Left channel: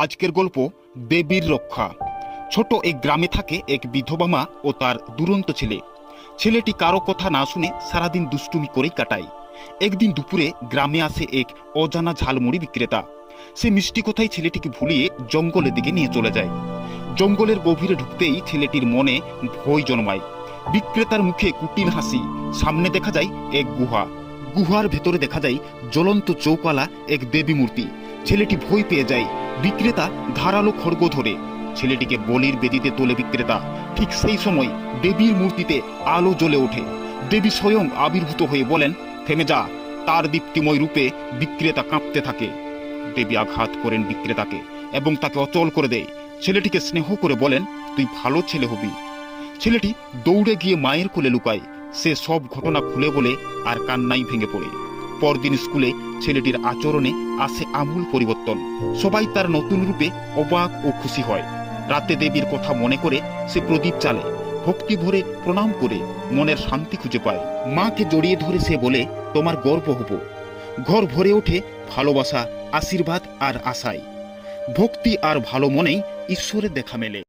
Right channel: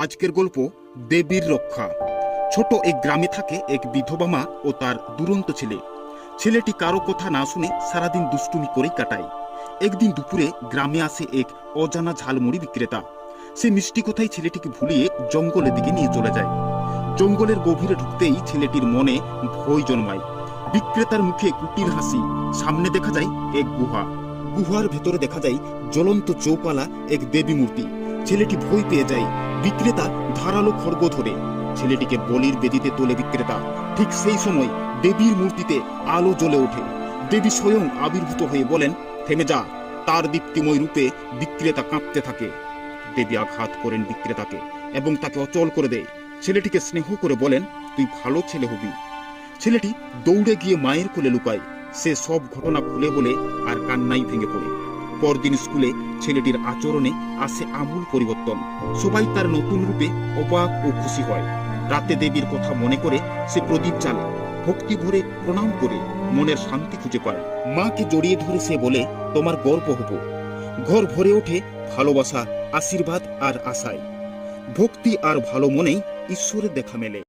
আজকের গল্প দেবীর রক্ষা। ছোট এক গ্রামে থাকে এক বিধবা মা ও তার দুরন্ত ছেলে। ছেলেটি কারও কথা না শুনে সারাদিন দুষ্টুমি করেই কাটায়। একদিন দুপুরে গ্রামে আসে এক অজানা ঝালমুড়ি বিক্রেতা। সে মিষ্টি কথাই ছেলেটিকে ভুলিয়ে জঙ্গলের দিকে নিয়ে চলে যায়। জঙ্গলের গভীরে ঢুকতেই ছেলেটির মনে ভয় জন্মায়। বিক্রেতার মুখে কুটিল হাসি, সামনে দেখা যায় এক গুহা। গুহার ভেতরে দেখা যায় জ্বলন্ত চৌকালা, এক দেবী মূর্তি ছেলেটি ভয় পেয়ে যায়। বিক্রেতা ধারালো খড়গ ধরে। ছেলেটিকে বলির বেদিতে তোলে বিক্রেতা। ঠিক সেই সময় দেবীর মূর্তিতে আলো জ্বলে ওঠে। দেবী স্বয়ং আবির্ভূত হয়ে বলেন, থেমে যা। তার দীপ্তিময় রূপে বিক্রেতা কাঁপতে থাকে দেবী আঘাত করেন বিক্রেতাকে এবং তাকে অচল করে দেয়। ছেলেটিকে স্নেহ করে বলেন, তুই ভালো ছেলে হবি ছেলেটি দৌড়ে গিয়ে মায়ের কোলে লুকায়। সে সব ঘটনা খুলে বলে আর কান্নাই ভেঙে পড়ে। পরদিন স্কুলে ছেলেটির আচরণে আসে আমূল পরিবর্তন। সবাই তার নতুন রূপে অবাক ও খুশি হয়। রাতে দেবীর কথা মনে করে সে প্রদীপ চালে ভক্তি ভরে প্রণাম করে, মনের শান্তি খুঁজে পায়। মাকে জড়িয়ে ধরে সে বলে, তোমার গর্ব হব। ঘর ভরে ওঠে ভালোবাসা, আশীর্বাদ আর আশায়। ভক্তি আর ভালো মনেই ঈশ্বরের দেখা মেলে।